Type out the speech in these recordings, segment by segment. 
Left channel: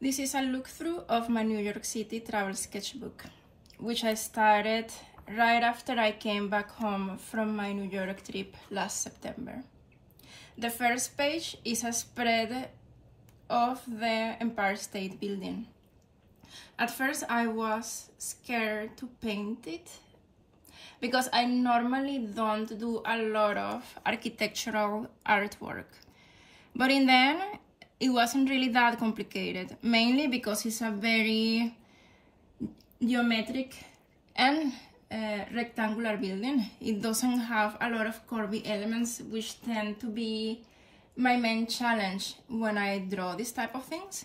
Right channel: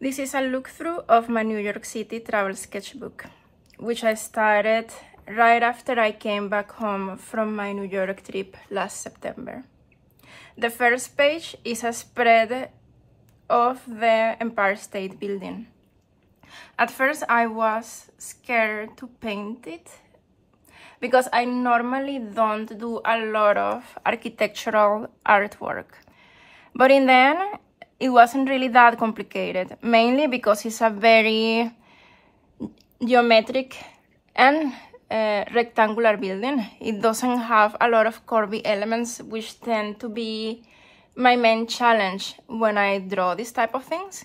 This is a look-through of my New York City travel sketchbook, which I started right after I came back home from my New York trip last September. The first page is a spread of the Empire State Building. At first I was scared to paint it because I normally don't do a lot of architectural artwork. But in the end, it wasn't really that complicated, mainly because it's a very geometric and rectangular building. It doesn't have a lot of curvy elements, which tend to be my main challenge when I draw this type of things.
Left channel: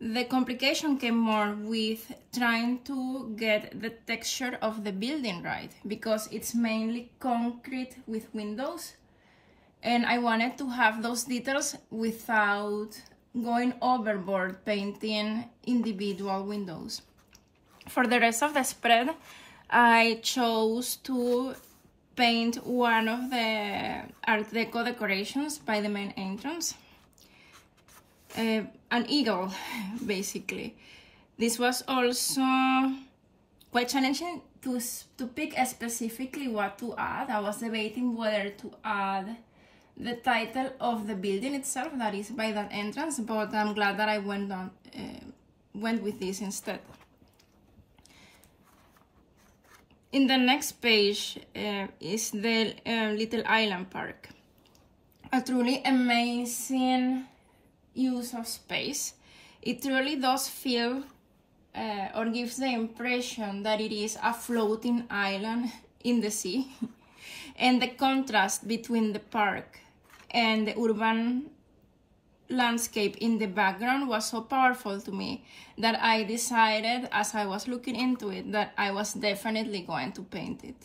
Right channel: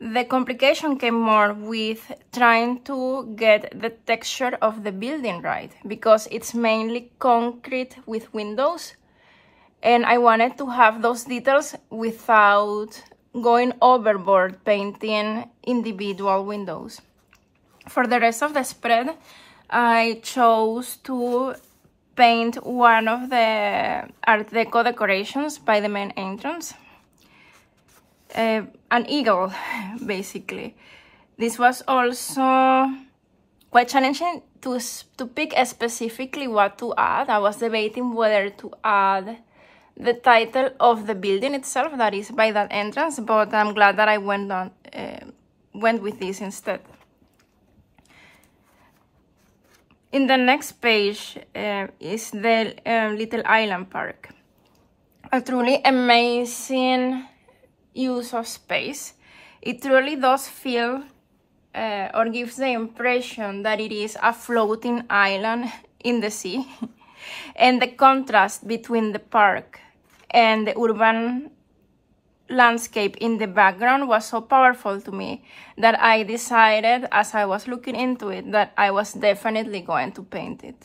The complication came more with trying to get the texture of the building right, because it's mainly concrete with windows, and I wanted to have those details without going overboard painting individual windows. For the rest of the spread, I chose to paint one of the Art Deco decorations by the main entrance. An eagle, basically. This was also quite challenging to pick specifically what to add. I was debating whether to add the title of the building itself, that is by that entrance, but I'm glad that I went with this instead. In the next page is the Little Island Park. A truly amazing use of space. It truly does feel or gives the impression that it is a floating island in the sea. And the contrast between the park and the urban landscape in the background was so powerful to me that I decided, as I was looking into it, that I was definitely going to paint it.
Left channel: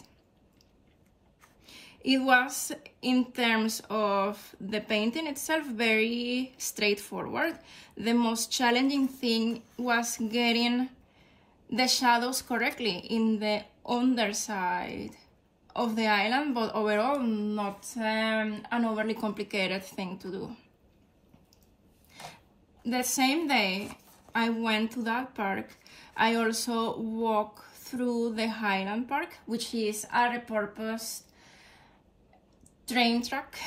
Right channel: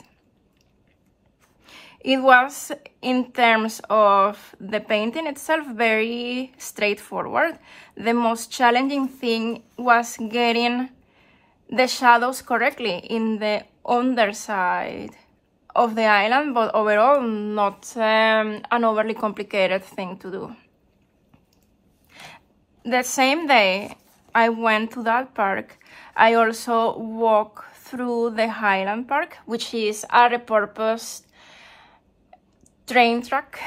It was, in terms of the painting itself, very straightforward. The most challenging thing was getting the shadows correctly in the underside of the island, but overall not an overly complicated thing to do. The same day I went to that park, I also walked through the Highland Park, which is a repurposed train track.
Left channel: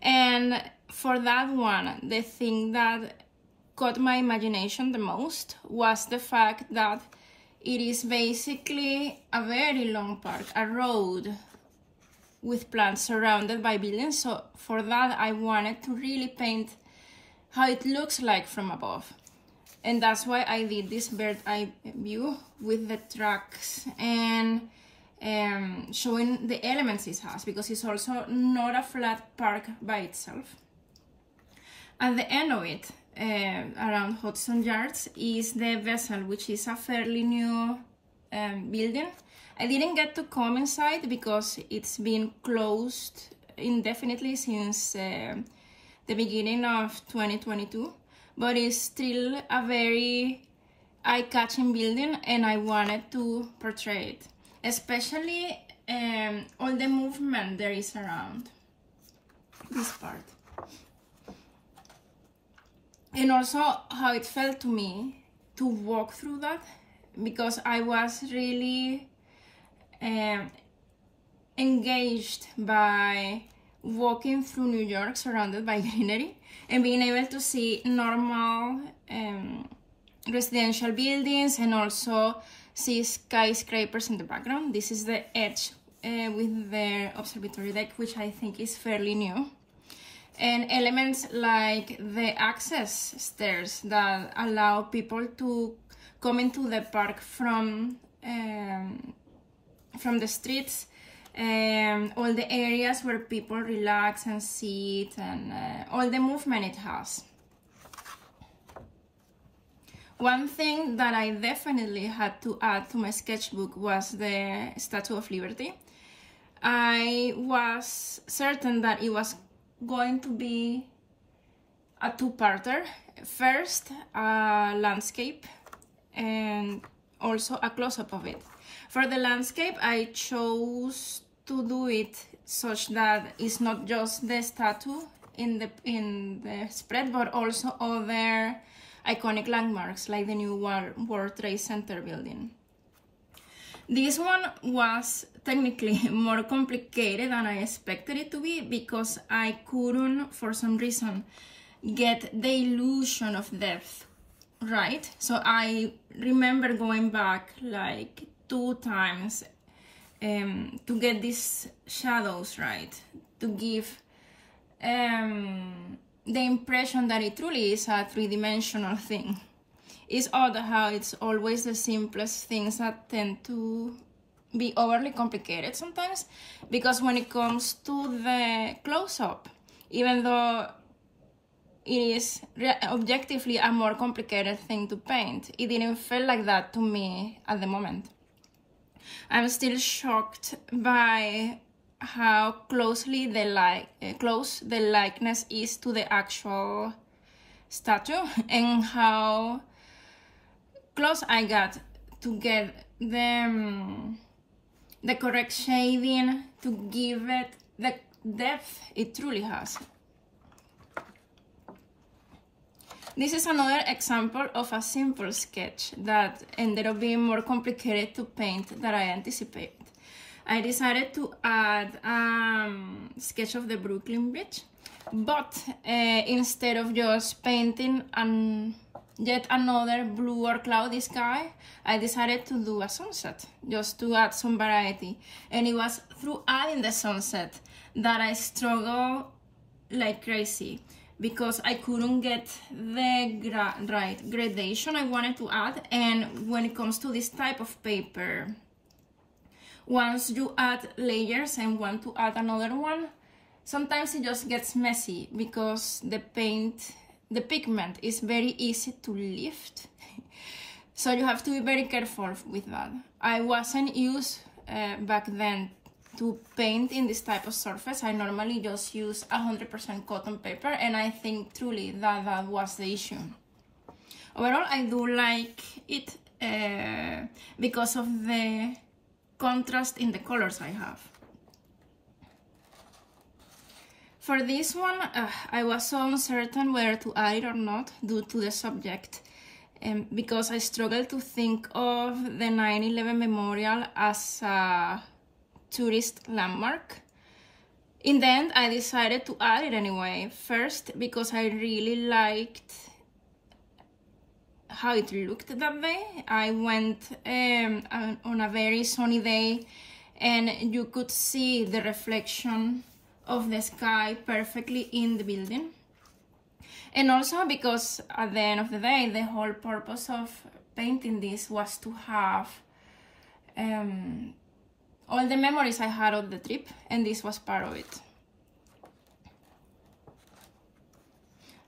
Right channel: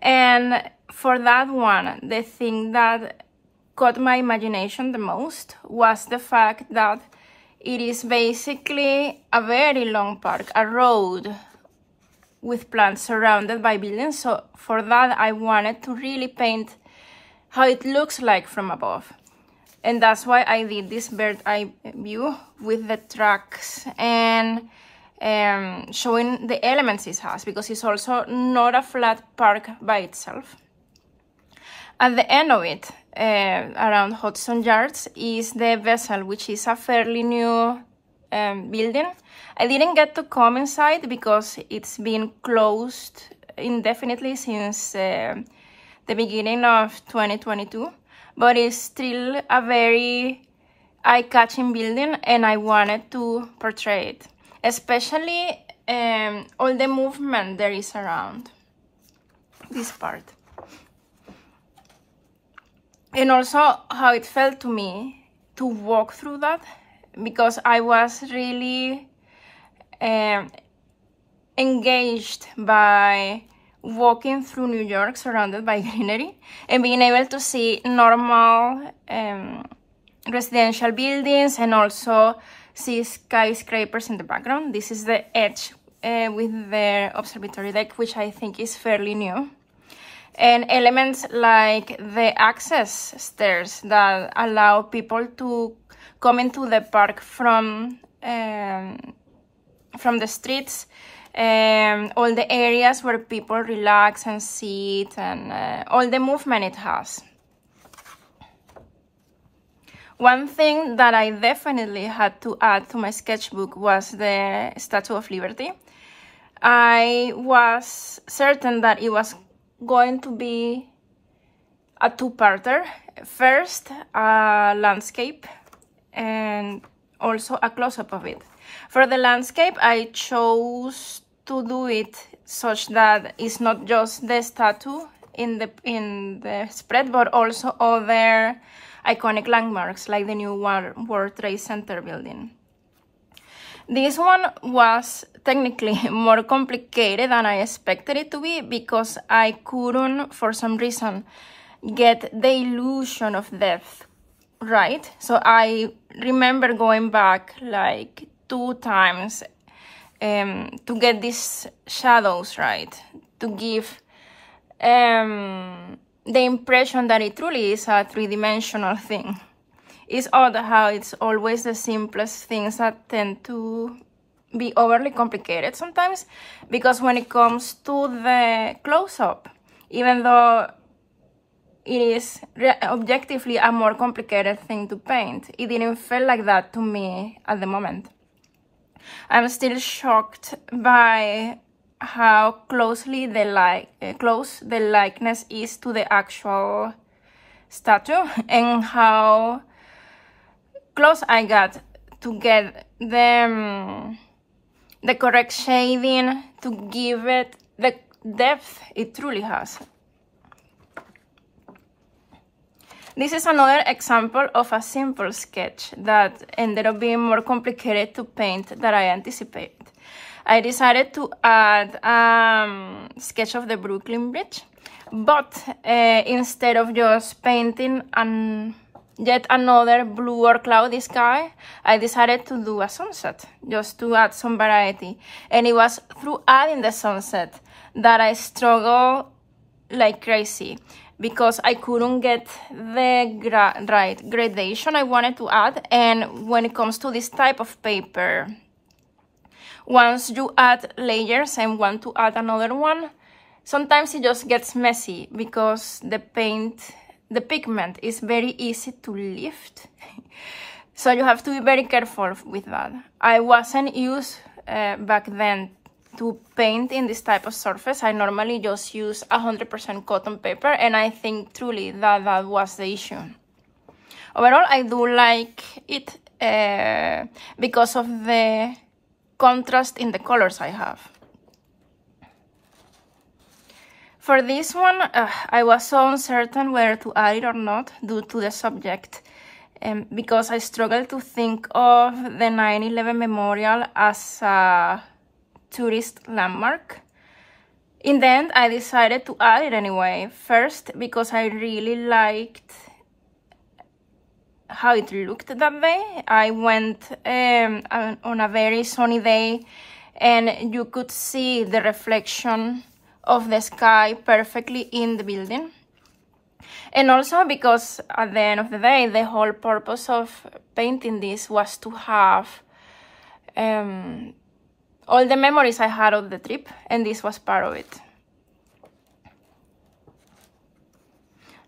And for that one, the thing that caught my imagination the most was the fact that it is basically a very long park, a road with plants surrounded by buildings. So for that, I wanted to really paint how it looks like from above. And that's why I did this bird's eye view with the tracks and showing the elements it has, because it's also not a flat park by itself. At the end of it, around Hudson Yards, is the Vessel, which is a fairly new building. I didn't get to come inside because it's been closed indefinitely since the beginning of 2022, but it's still a very eye-catching building, and I wanted to portray it, especially all the movement there is around this part. And also how it felt to me to walk through that, because I was really engaged by walking through New York surrounded by greenery and being able to see normal residential buildings and also see skyscrapers in the background. This is the edge with the observatory deck, which I think is fairly new. And elements like the access stairs that allow people to come into the park from the streets, all the areas where people relax and sit, and all the movement it has. One thing that I definitely had to add to my sketchbook was the Statue of Liberty. I was certain that it was going to be a two-parter. First, a landscape and also a close-up of it. For the landscape, I chose to do it such that it's not just the statue in the spread, but also other iconic landmarks like the new World Trade Center building. This one was technically more complicated than I expected it to be because I couldn't, for some reason, get the illusion of depth right. So I remember going back like 2 times to get these shadows right, to give the impression that it truly is a 3-dimensional thing. It's odd how it's always the simplest things that tend to be overly complicated sometimes, because when it comes to the close-up, even though it is objectively a more complicated thing to paint, it didn't feel like that to me at the moment. I'm still shocked by how closely the likeness is to the actual statue, and how close I got to get the correct shading to give it the depth it truly has. This is another example of a simple sketch that ended up being more complicated to paint than I anticipated. I decided to add a sketch of the Brooklyn Bridge, but instead of just painting yet another blue or cloudy sky, I decided to do a sunset, just to add some variety. And it was through adding the sunset that I struggled like crazy, because I couldn't get the right gradation I wanted to add. And when it comes to this type of paper, once you add layers and want to add another one, sometimes it just gets messy because the pigment is very easy to lift. So you have to be very careful with that. I wasn't used back then to paint in this type of surface. I normally just use 100% cotton paper, and I think truly that was the issue. Overall, I do like it because of the contrast in the colors I have. For this one, I was so uncertain whether to add it or not due to the subject, because I struggled to think of the 9/11 memorial as a tourist landmark. In the end, I decided to add it anyway. First, because I really liked how it looked that day. I went on a very sunny day, and you could see the reflection of the sky perfectly in the building. And also because at the end of the day, the whole purpose of painting this was to have all the memories I had of the trip, and this was part of it.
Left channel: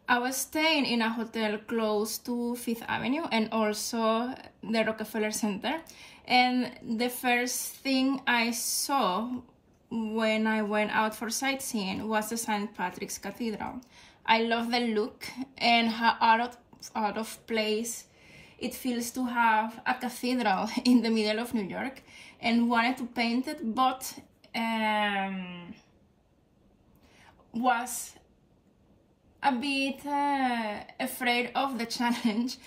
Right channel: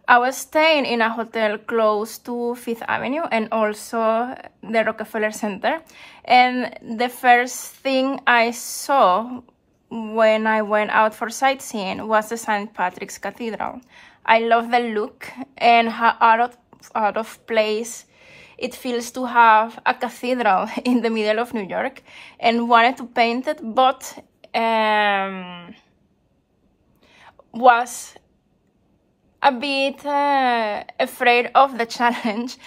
I was staying in a hotel close to 5th Avenue and also the Rockefeller Center, and the first thing I saw when I went out for sightseeing was the St. Patrick's Cathedral. I love the look and how out of place it feels to have a cathedral in the middle of New York, and wanted to paint it, but was a bit afraid of the challenge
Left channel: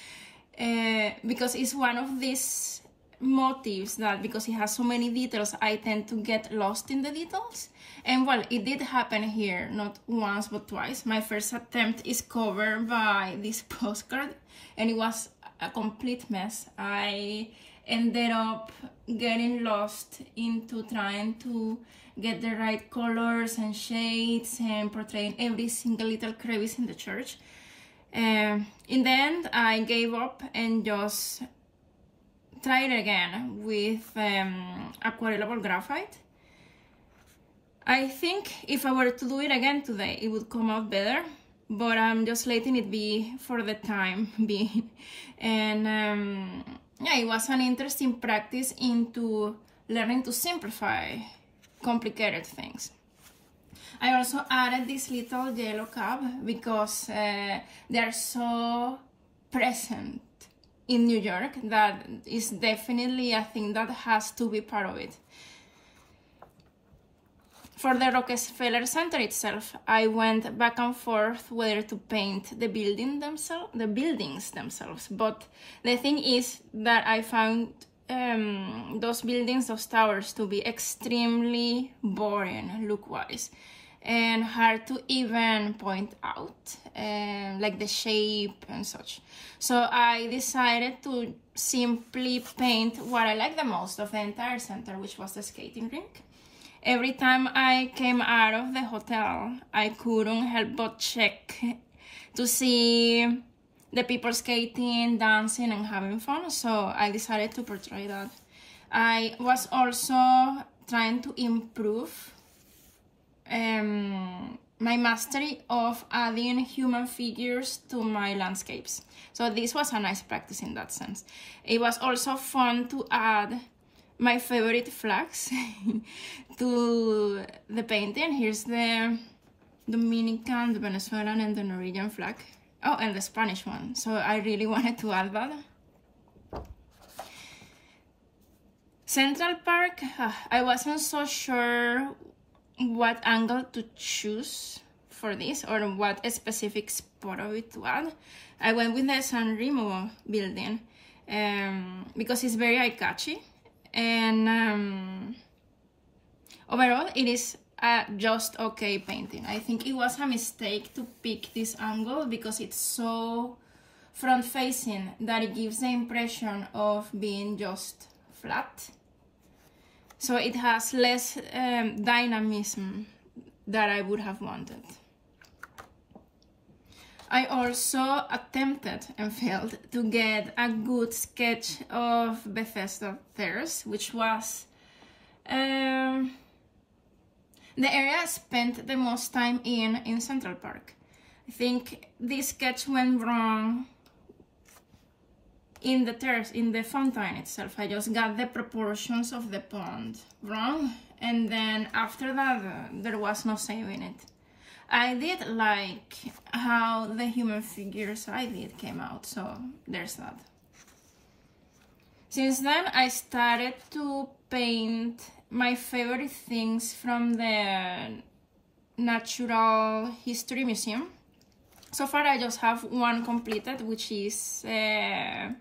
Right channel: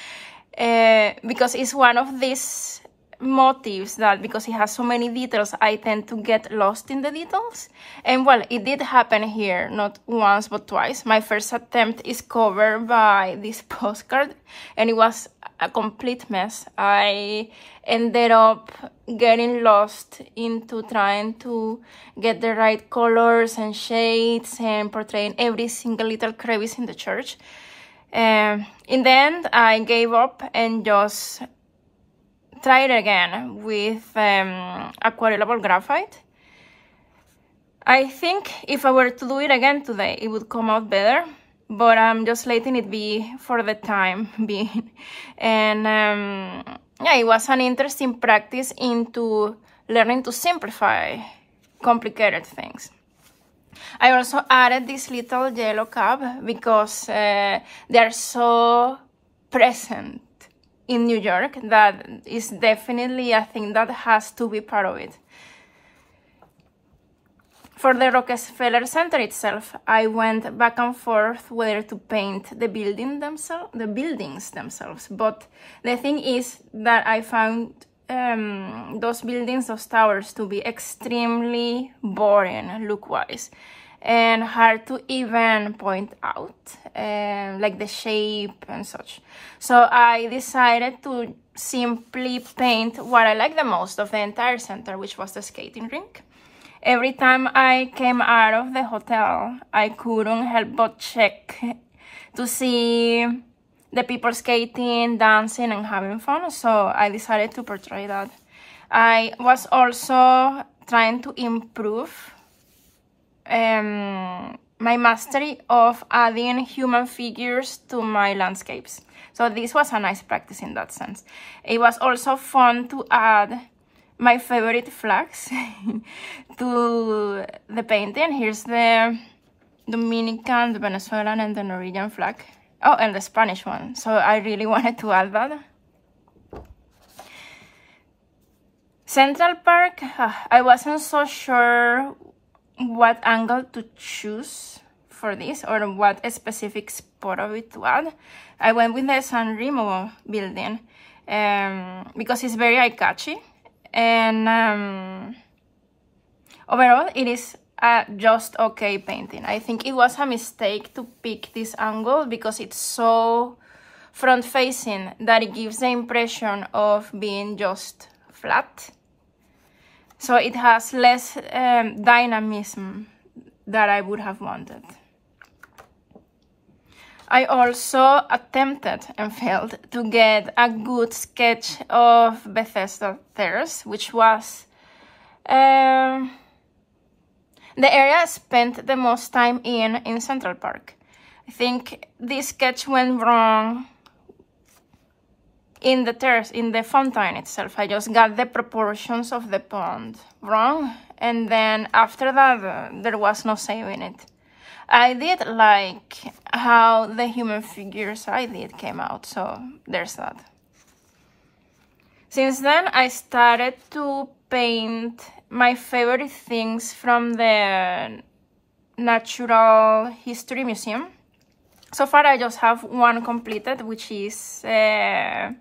because it's one of these motifs that, because it has so many details, I tend to get lost in the details. And well, it did happen here, not once but twice. My first attempt is covered by this postcard, and it was a complete mess. I ended up getting lost into trying to get the right colors and shades and portraying every single little crevice in the church. In the end, I gave up and just tried again with aquarellable graphite. I think if I were to do it again today, it would come out better, but I'm just letting it be for the time being. And yeah, it was an interesting practice into learning to simplify complicated things. I also added this little yellow cap because they are so present in New York that is definitely a thing that has to be part of it. For the Rockefeller Center itself, I went back and forth whether to paint the buildings themselves. But the thing is that I found those buildings, those towers, to be extremely boring look-wise and hard to even point out, like the shape and such. So I decided to simply paint what I like the most of the entire center, which was the skating rink. Every time I came out of the hotel, I couldn't help but check to see the people skating, dancing, and having fun. So I decided to portray that. I was also trying to improve my mastery of adding human figures to my landscapes. So this was a nice practice in that sense. It was also fun to add my favorite flags to the painting. Here's the Dominican, the Venezuelan, and the Norwegian flag. Oh, and the Spanish one. So I really wanted to add that. Central Park, I wasn't so sure what angle to choose for this or what specific spot of it to add. I went with the San Remo building because it's very eye-catchy, and overall it is a just okay painting. I think it was a mistake to pick this angle because it's so front-facing that it gives the impression of being just flat. So it has less dynamism that I would have wanted. I also attempted and failed to get a good sketch of Bethesda Terrace, which was the area I spent the most time in Central Park. I think this sketch went wrong in the terrace, in the fountain itself. I just got the proportions of the pond wrong, and then after that there was no saving it. I did like how the human figures I did came out, so there's that. Since then, I started to paint my favorite things from the Natural History Museum. So far, I just have one completed, which is a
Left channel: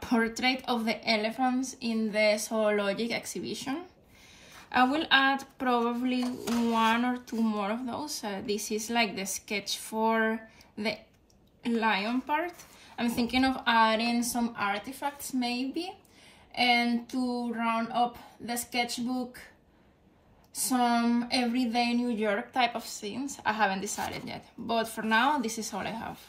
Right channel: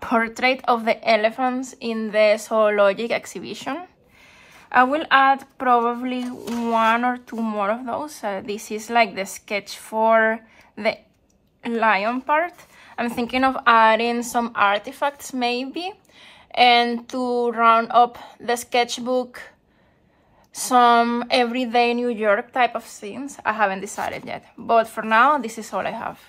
portrait of the elephants in the zoologic exhibition. I will add probably 1 or 2 more of those. This is like the sketch for the lion part. I'm thinking of adding some artifacts maybe, and to round up the sketchbook, some everyday New York type of scenes. I haven't decided yet, but for now this is all I have.